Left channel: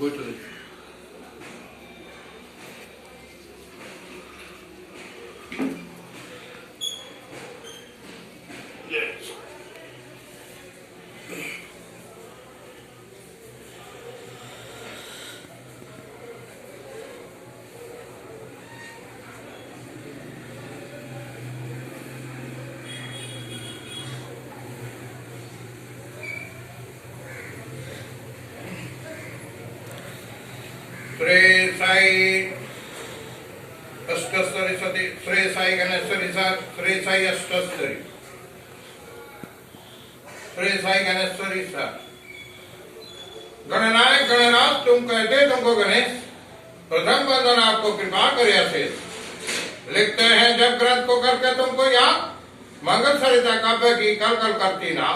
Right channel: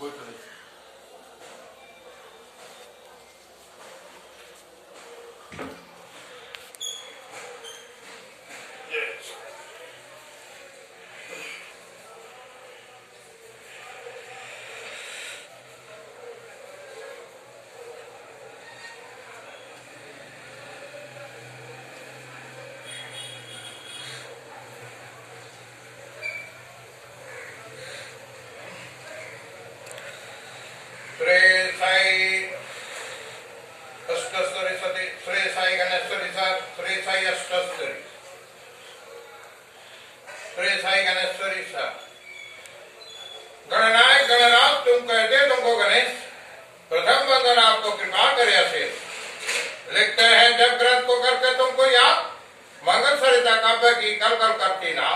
Go to the yes. Shri Sai अष्टस्तरी सती श्री साई गणेश्वरी श्री साई अष्टस्तरी श्री साई गणेश्वरी गणनायक गणनाथ तुम कहते तुमको गणेश प्रथम बंदन आपको कृपा करे से लिखते हैं जब ग्रंथ को करके तुमको याद मंगल सरिता काव्य की कल कल करती ना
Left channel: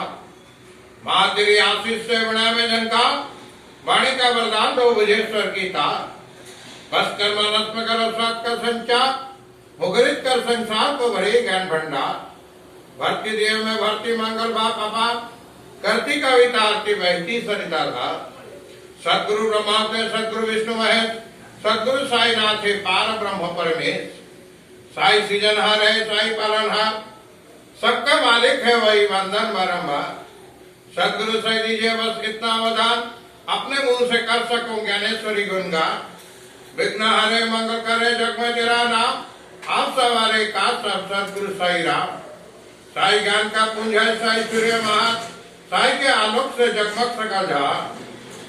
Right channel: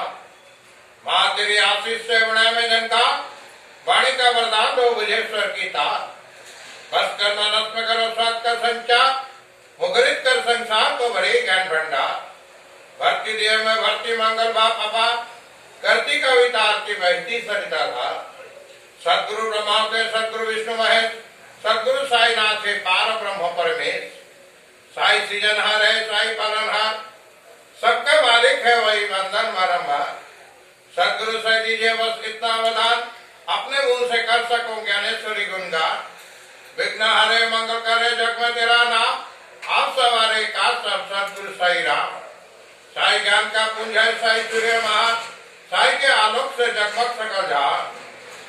माँ तेरी आशीष से बना में जनका वाणी का वरदान दो विजेश्वर की तार बस कर्म नष्ट करो स्वाद का संचार मुखरित कर संसार को भरी ज्ञान भंडार भक्ति देव में भक्ति मंगल बाप अपा करती कविता आरती बहती सरिता धार सदगुरु ब्रह्मा पे सदगुरु विष्णु महेश सदगुरु साई नाथ पार ब्रह्म परमेश साई सृजनहार है साई पालनहार सबका मालिक है वही वंदन बारंबार सदगुरु से दीजिए बस इतना वरदान अपने मुंह से कर सकूं ज्ञानेश्वरी गुणगान विघ्न हरे मंगल करे जग में तेरा नाम आप सवारे का सब सदगुरु साई राम साई ज्ञान का पुंज है साई सूर्य महान साई के आलोक से जगमग सकल झार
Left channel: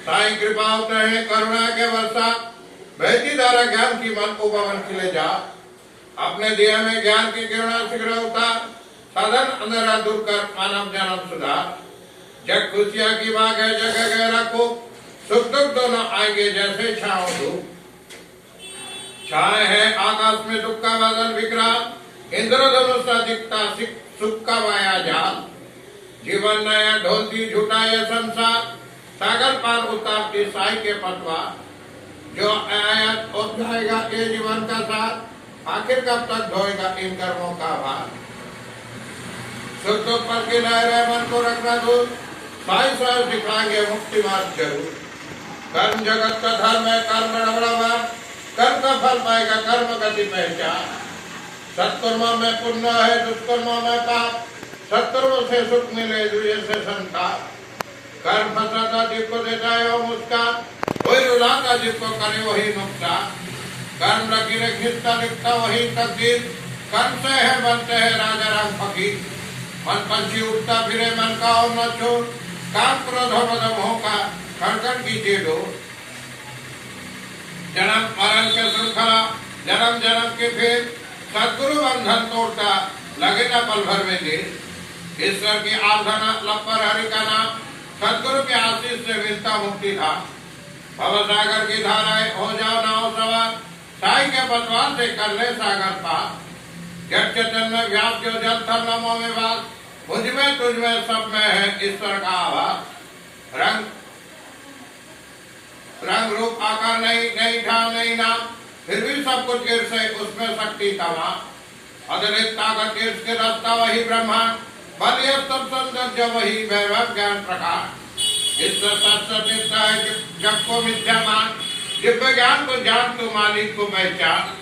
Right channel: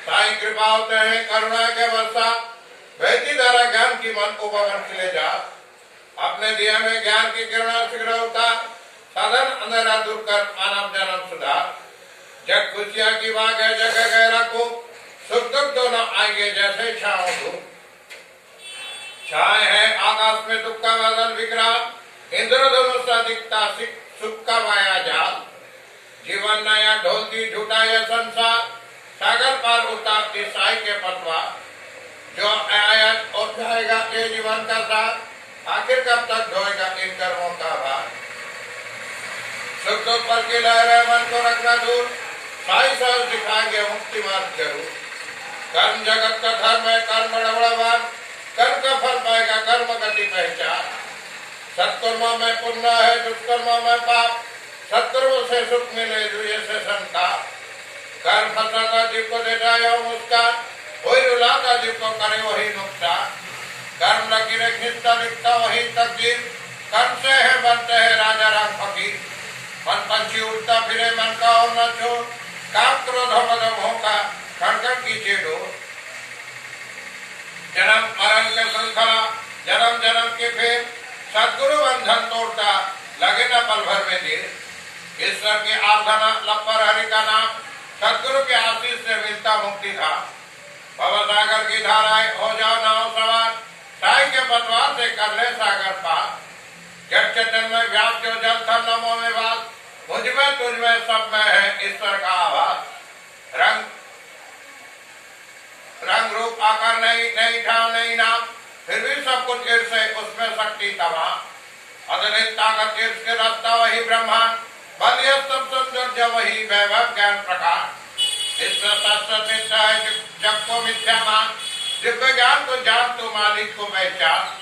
साई कृपा होते हैं करुणा के वर्षा बहती धारा ज्ञान की मन को पवन खिले जा अपने दिया में ज्ञान की किरणा शीघ्र उतार साधन अंधेरा दूर कर मानव जन्म सुधार जग खुशियां की बाग है जगह गहरा को सुख दुख दोनों आएंगे जैसे छाओ धूप छाए है आकाश में दुख का बादल विक्रांत इंद्रधनुष दिखता सुख का माया जाल जीवन नया ढोलती झूठा यह संसार सागर पार उतारती साई के पतवा जो आया हो जाएगा ये जीवन का साथ आखिर कब तक ढोएगा इन कर्मों का भार सुख दुख पर की लहर मन को रखना दूर साई सर दिखाएंगे मुक्ति मार्ग जरूर कर्म जगत का धर्म है कर्म बड़ा बार कर्म का फल पाएगा कर्म गति पहचान सत्कर्मों में पुण्य है दुष्कर्मों में पाप सत्कर्मों से सुख मिले दुए से संताप कर्म फंसाता जीव को देता है मुस्कान वही रुलाता जीव को करे वही नुकसान कर्म लकीरें खींचता लिखता वही तकदीर कर्म से है बनते है राजा राम फकीर मन पंछी उठता फिरे मन का और न छोड़ काम क्रोध मोह का खड़खड़ कीजिए दो जन्म मरण के श्रृंखला जन्म जन्म के फिर सदगुरु बंधन तोड़ता लगे न पल भर में देर ईश्वर की आराधना लपर हरि का नाम सदगुरु के आशीष से मिलता मुक्ति था भव सागर की धाराएं हो जाओ नाव सवार साई के पतवार से कर ले सागर पार जब चेतन में व्यास जो जल था नमो में बात मुझ में तुझ में सब में है ईश्वर का आवाज रंग रूप आकार नहीं ढाल नहीं नाम फिर भी सब कुछ ईर्ष है उसमें शक्ति तमाम अगणित ताकत ईर्ष के रास्ता वही ब्रह्मांड बल यह सब सौंदर्य वही वैभव ज्ञान प्रकाश ईश्वर सत्य है जग को मिथ्या मान दिव्य ज्ञान को जान तो मालिक को पहचान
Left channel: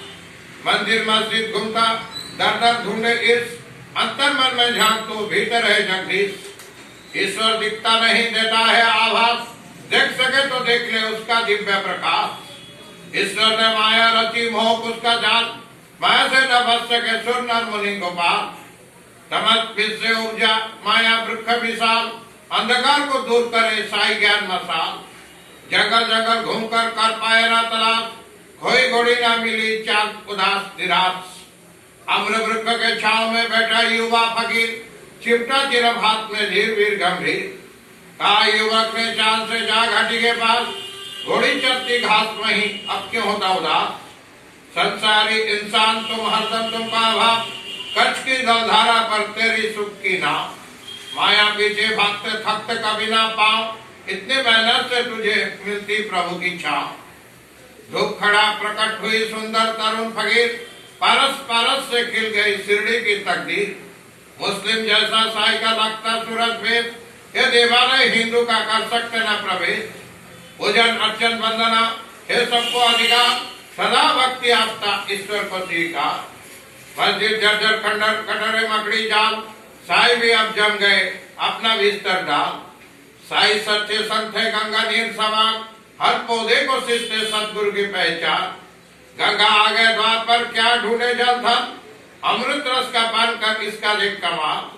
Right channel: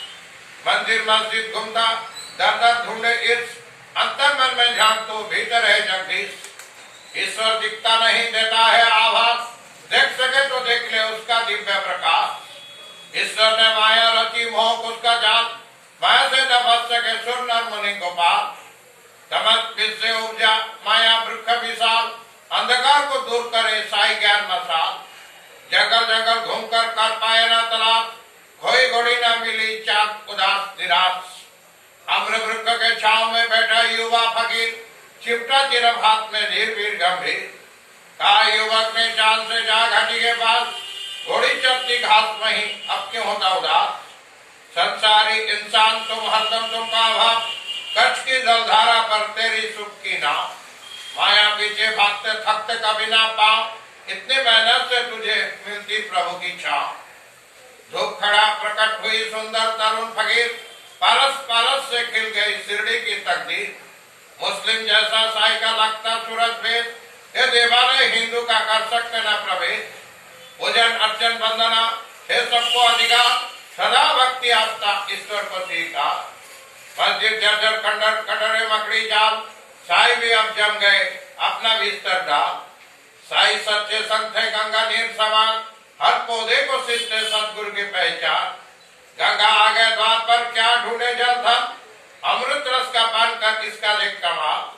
मंदिर मस्जिद घूमता दर दर ढूंढे ईर्ष अंतर मन में ध्यान तो भीतर है जगदीश ईश्वर दिखता नहीं देता है आभास देख सके तो देख ले उसका दिव्य प्रकाश ईश्वर ने माया रति मोह उसका जाल माया से न बच सके सुर नर मुनि गोपाल तमस से ऊर्जा माया वृक्ष विशाल अंधकार को दूर करे साई ज्ञान मसाल जंगल जंगल घूमकर कर पाए ना तलाश खोई घोड़ी न मिली चांद उदास निराश अम्र वृक्ष के छाव में बैठा युवा फकीर चिपटा चिरम हाथ में धीर वीर गंभीर कहा युवक ने चांद से जा घाटी के पास घोड़ी चलती घास में ही अब क्यों होता उदास संसारी इंसान तुम हरदम तुमका अभाव कच्छ की जलधारा पर तेरी सुख की नाव माया पीछे भागते थकते कभी ना पाओ इतने मेहनत से तुझे मिलती प्रभु की छाव धूप खड़ा प्रकट हुई सुंदर तरुण फकीर पारस पारस से खिल गई शिरडी की तकदीर मुस्लिम जैसा साई का लगता सूरज भेद ये दीवाने हिंदू का कर सकते न प्रवेश पूजन अर्चन वंदना हे सबको अधिकार, सदा भक्ति आस्था ईश्वर को सीखा। मस्जिद जर्जर खंडर कटरे मकड़ी जाल, साई भी अब जम गए अपना बिस्तर डाल। साई सच्चे संत है गंगा नीर समान, हर पौधे को शिष्ट सतगुरु की पहचान। गंगा आ गए द्वार पर क्या ढूंढे जल धन, अमृत रस का पान कर इसका देख कमाल।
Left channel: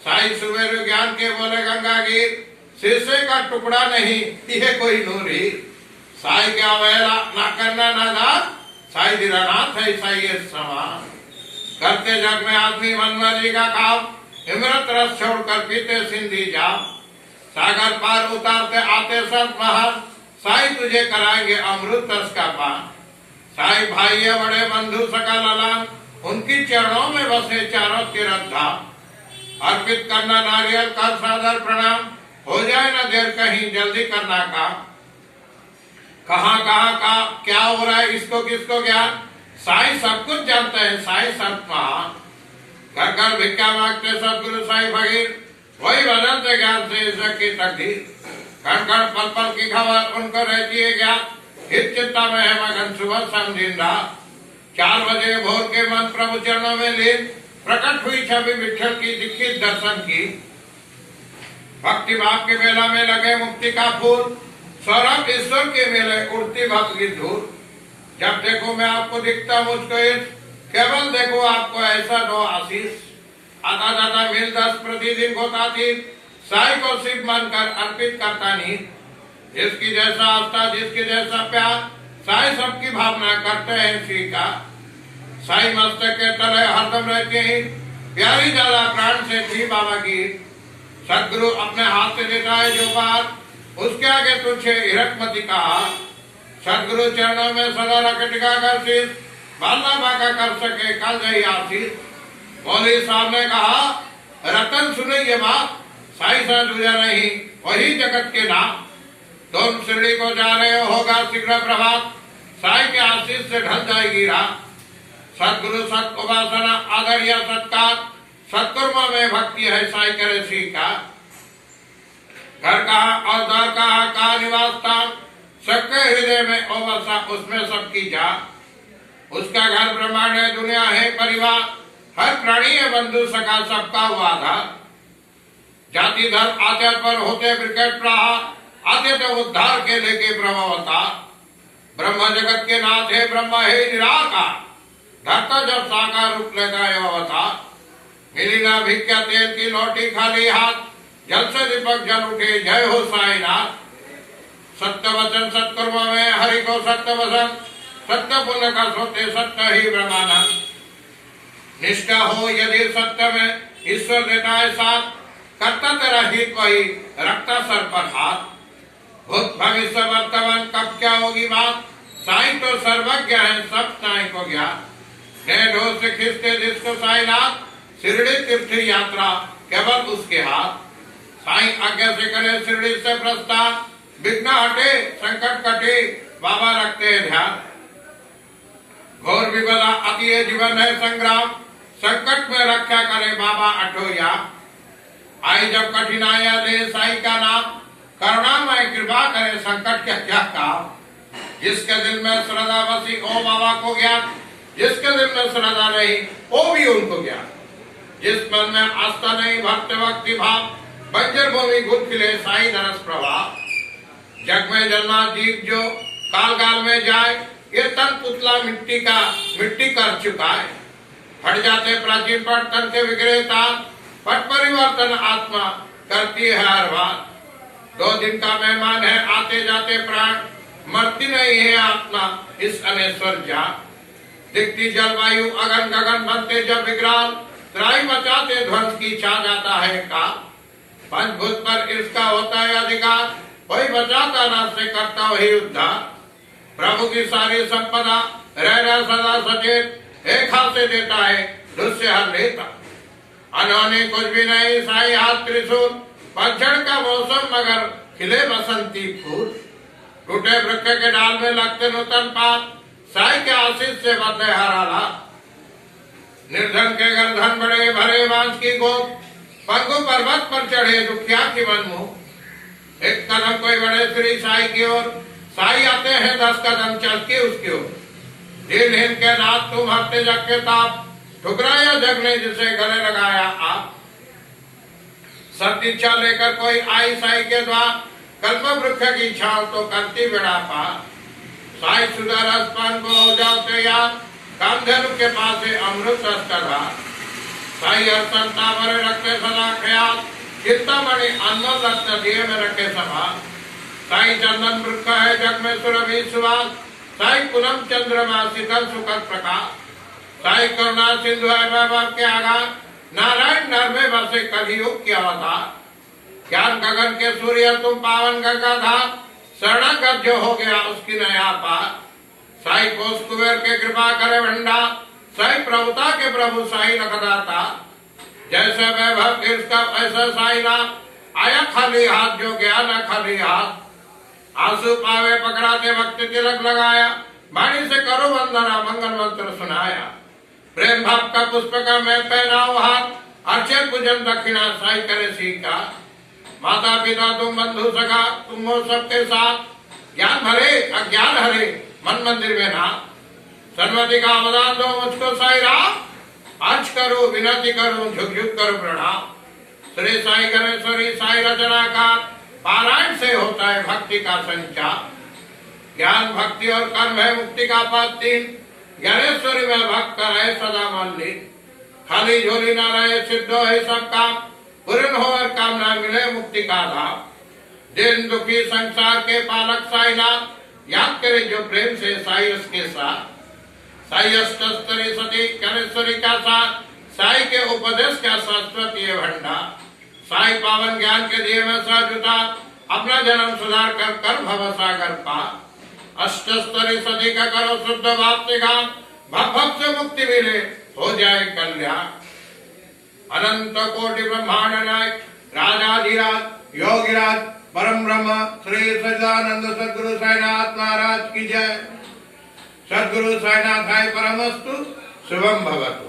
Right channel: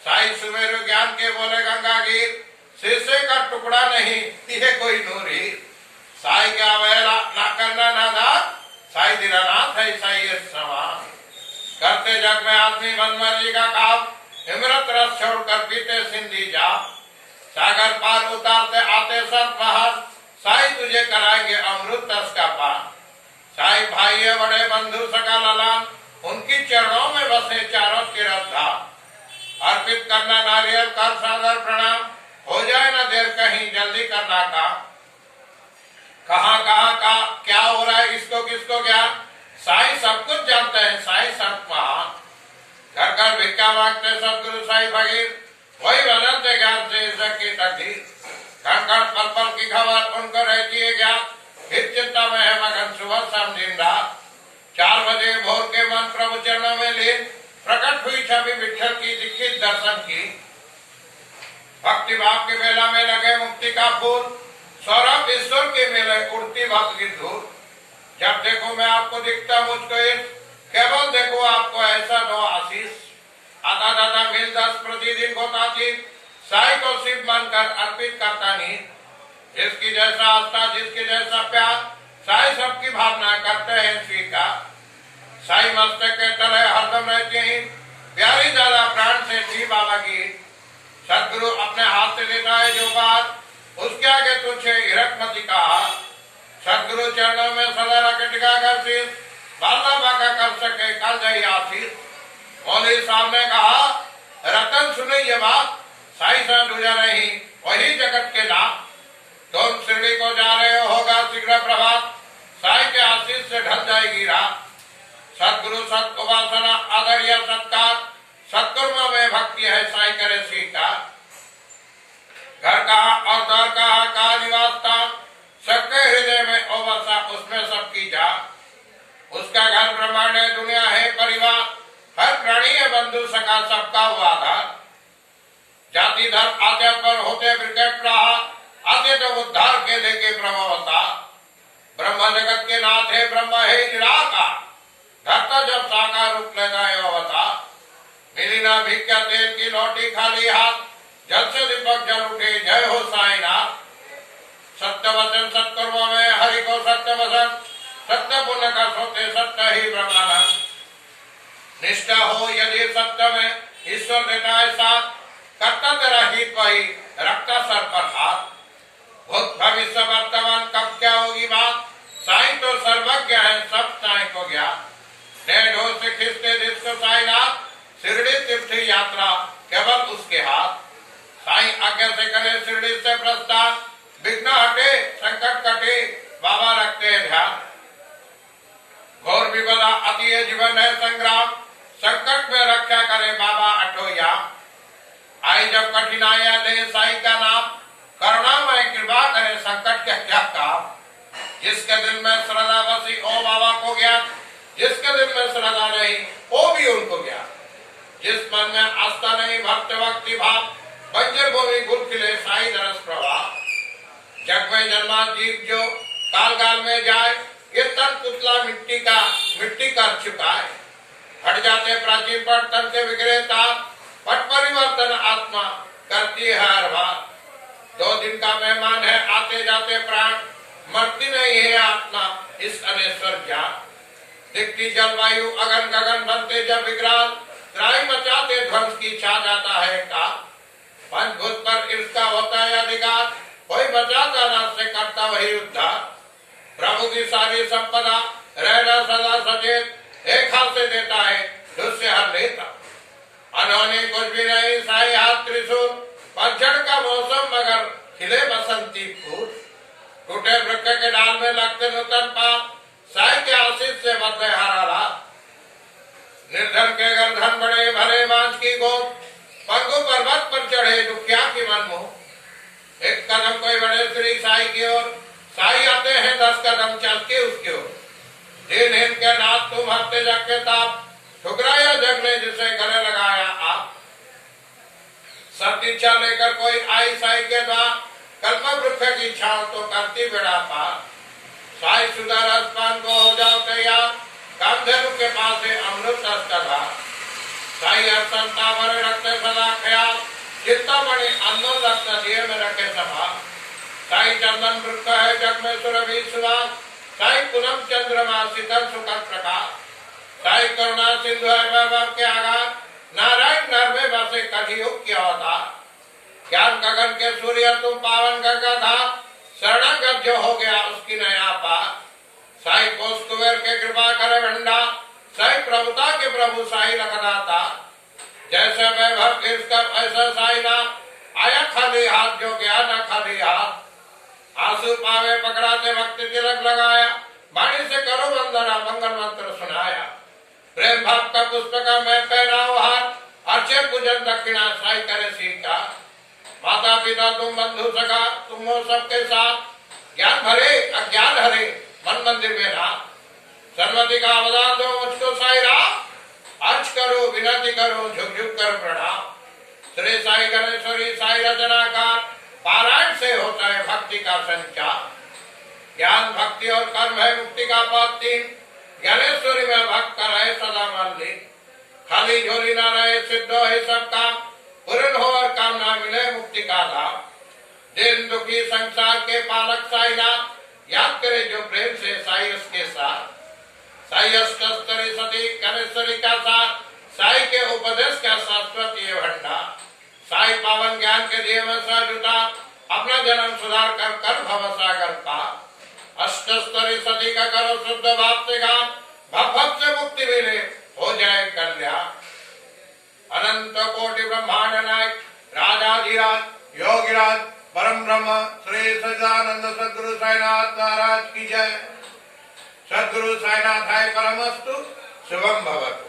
साई सुमेरु ज्ञान के बोले गंगा गिर, शीशे का टुकड़ा नहीं ये कोई नूर ही। साई क्या अवहेला ना करना नादान, साई दीनानाथ है साई समान। करते जग में आदमी मनमर्जी का काम, इमरत रस छोड़कर पीते सिंधी जाम। सागर पार उतारते आते संत महान, साई तुझे कराएंगे अमृत रस का पान। साई भाई बड़े बंधु सका ललान, उनकी चरणों में बसे चारों तीर्थ धाम। अर्पित करना नारियल कर सादर प्रणाम, हो जाए ना देर कहीं जल्दी करना काम। कहाँ का क्या हो रहा है इसको किसको ज्ञान, साई सब कुछ जानते हैं साई संत महान। घर घर भिक्षा मांगते सदगुरु साई भगीर, वही बदलते ज्ञान से इज्जत की तकदीर। कण कण पल पल की खबर उनको रहती है ज्ञान, हित चिंता में है मगन सुबह शाम दिन रात। 4 बजे भोर के मन प्रभु चरणों में लीन, प्रकट हुई छवि विठल की दीक्षित दर्शन की। भक्ति भाव के मेला में लगे मुक्ति का फूल, सौरभ ईश्वर के मेले उड़ती भक्त की धूल। जब देखो मैं आपको दिखता मुझको इस, केवल देखो आपको ऐसा दो आशीष। आता जाता मिल 10 प्रतिदिन होता थी, साई को शिव मानकर अर्पित करता नहीं। जिसकी जैसा आस्था जिसके जैसा प्यार, साई सबकी भावना करते हैं स्वीकार। साई मस्तक के तले हरदम रहते हैं, प्यारी ज्यादा प्राण से थी बाबा की। सदगुरु अपने हाथ से देता है जो बात, उसके आगे तुझे हिरकमती कहा। सदगुरु चरणों में सदा रख टिकाकर सिर, बाला बाका कर सके कल जय आशीष। मौलवी साहब ने कहा रतन सुने ये बात, साई सा दूजा नहीं वही जगत के नाम। तुम शिरडी को जा रहे हो होगा शीघ्र प्रभात, साई के आशीष से ढल जाएगी रात। सदगुरु सत उपासना आदर या सत्कार, सत्कर्म में भक्ति है साई करे स्वीकार। घर कहा और दर कहा निवास स्थान, सबके हृदय में ओ बसा उसमें सबकी जान। उसका घर ब्रह्मांड है दुनिया है परिवार, हर प्राणी है बंधु सका सबका आधार। जाति धर्म आचार पर होते विकट प्रहार, आते तो उद्धार के लेके ब्रह्म अवतार। ब्रह्म जगत के नाथ है ब्रह्म है निराकार, धरता जब साकार रूप लेता है अवतार। मिली ना भिक्षा तेल की लोटी खाली हाथ, जल से दीपक जल उठे जय हो साईनाथ। सत्य वचन सत्कर्म में हरि को सत्य वचन, सत्य पुण्य का सोते सत्य ही ब्रह्मानंद। निष्ठा हो यदि सत्य में ईश्वर देता है साथ, करता तेरा हित वही रखता सर पर हाथ। भूत भविष्य वर्तमान कब क्या होगी बात, साई तो सर्वज्ञ है सब साई को ज्ञान। ढोल से खींचते जिसको साईनाथ, शिरडी तीर्थ यात्रा केवल उसके हाथ। साई आज्ञा से करे शिरडी से प्रस्थान, विघ्न हटे संकट कटे बाबा रखते हैं ध्यान। घोर विपदा अति जीवन है संग्राम, संकट में रक्षा करे बाबा अठोया। आई जब कठिनाइयां दे साई का नाम, करुणामय कृपा करे संकट के क्या काम। जिसके दिल में श्रद्धा बसी ओ बाबा को ज्ञान, जिसके दिल में श्रद्धा नहीं वो भी उनको ज्ञान। जिस मन में आस्था नहीं भक्त भक्ति भाव, बंजर भूमि घुल खिले साई दरस प्रभाव। जग में जन्मा जीव जो काल काल में जाए, ये तन पुतला मिट्टी कर चुका है। फट जाते प्राचीन पट तन के विक्रेता, पट परिवर्तन आत्मा करती है हर बार। 2 दिन का मेहमान है आते जाते प्राण, मरती नहीं है आत्मा इस अनेश्वर जान। दिखती जलवायु अगन गगन बनते जब विग्राम, त्राई मचाते ध्वंस की छा जाता है काल। पंचभूत पर इसका होता है अधिकार, वही बचाता ना से करता वही उद्धार। प्रभु की सारी संपदा रहना सदा सचेत, एक हाथ से देता है दूसरे हाथ लेता। अनहोनी कुछ भी नहीं साई हाथ त्रिशूल, पतझड़ का मौसम मगर खिले बसंती फूल। टूटे वृक्ष के डाल में लगते नूतन पात, साई के आशीष से बदले हरा लाल। निर्धन के घर धन बड़े भरे बांस की गोद, पंगु पर्वत पर चढ़े दुखिया की मन मुंह। एक कदम कोई बढ़े श्री साई की ओर, साई आते हैं 10 कदम चल के उसकी ओर। दिन हिम के नाथ तुम हरते जग के ताप, ठुकराया जग ने जिसे गले लगाया आप। सतीच्छा लेकर कोई आई साई के द्वार, कल्प वृक्ष की छाव तो करती बेड़ा पार। साई सुधा रस पान को हो जाओ तैयार, कामधेनु के पास है अमृत रस का धार। साई हर संता भरे रखते सदा ख्याल, चिंतामणि अनमोल रत्न दिए में रखे सभा। साई चंदन वृक्ष है जग में सुरभि सुवास, साई पूनम चंद्रमा शीतल सुखद प्रकाश। साई करुणा सिंधु है वैभव के आगार, नारायण नर में बसे कलियुग के अवतार। ज्ञान गगन के सूर्य तुम पावन गंगाधार, शरणागत जो हो गया उसकी नया पार। साई कोष कुबेर के कृपा करे भंडार, साई प्रभुता के प्रभु साई लखदाता। जैसे वैभव इसका ऐसा साई नाम, आया खाली हाथ जो गया न खाली हाथ। आंसू पावे पकड़ाते भक्ति तिलक लगाया, वाणी से करो वंदना मंगल मंत्र सुनाया। प्रेम भाव का पुष्प का मैं पहनाओ हाथ, अर्चन पूजन दक्षिणा साई करे सीता। माता पिता तुम बंधु सखा तुम हो सबके साथ, ज्ञान भरे अज्ञान हरे मन मंदिर में ना। सन्मति का वरदान दो मुझको साई राम, अर्ज करो विनती करो झुक झुक कर प्रणाम। श्री साई गणेश्वरी साई रचनाकार, पारायण से होता है भक्ति का संचार। ज्ञान भक्ति और कर्म है मुक्ति का पथ तीन, ज्ञानेश्वरी में भक्त रहे सदा मल्लिक। खाली झोली न रहे सिद्ध है सबका, पूर्ण हो और कामना मिले मुक्ति का लाभ। दिन दुखी संसार के पालक साई नाम, याद करे जो प्रेम से साई उसके साथ। साई अष्टस्तरी सती गणेश्वरी का साथ, साई के उपदेश का शाश्वत ये भंडार। साई पावन ज्ञान के दिए में सहजुता, अपना जन्म सुधार कर कर भव सागर पार। अष्टस्तरी सती का करो शुद्ध भाव से गान, भव भव से मुक्ति मिले हो जाए कल्याण। अनंत कोटि ब्रह्मांड नायक राजाधिराज योगिराज परम ब्रह्म श्री सच्चिदानंद सद्गुरु साईनाथ महाराज की जय। सद्गुरु साईनाथाय परमस्तु, शुभम भवतु।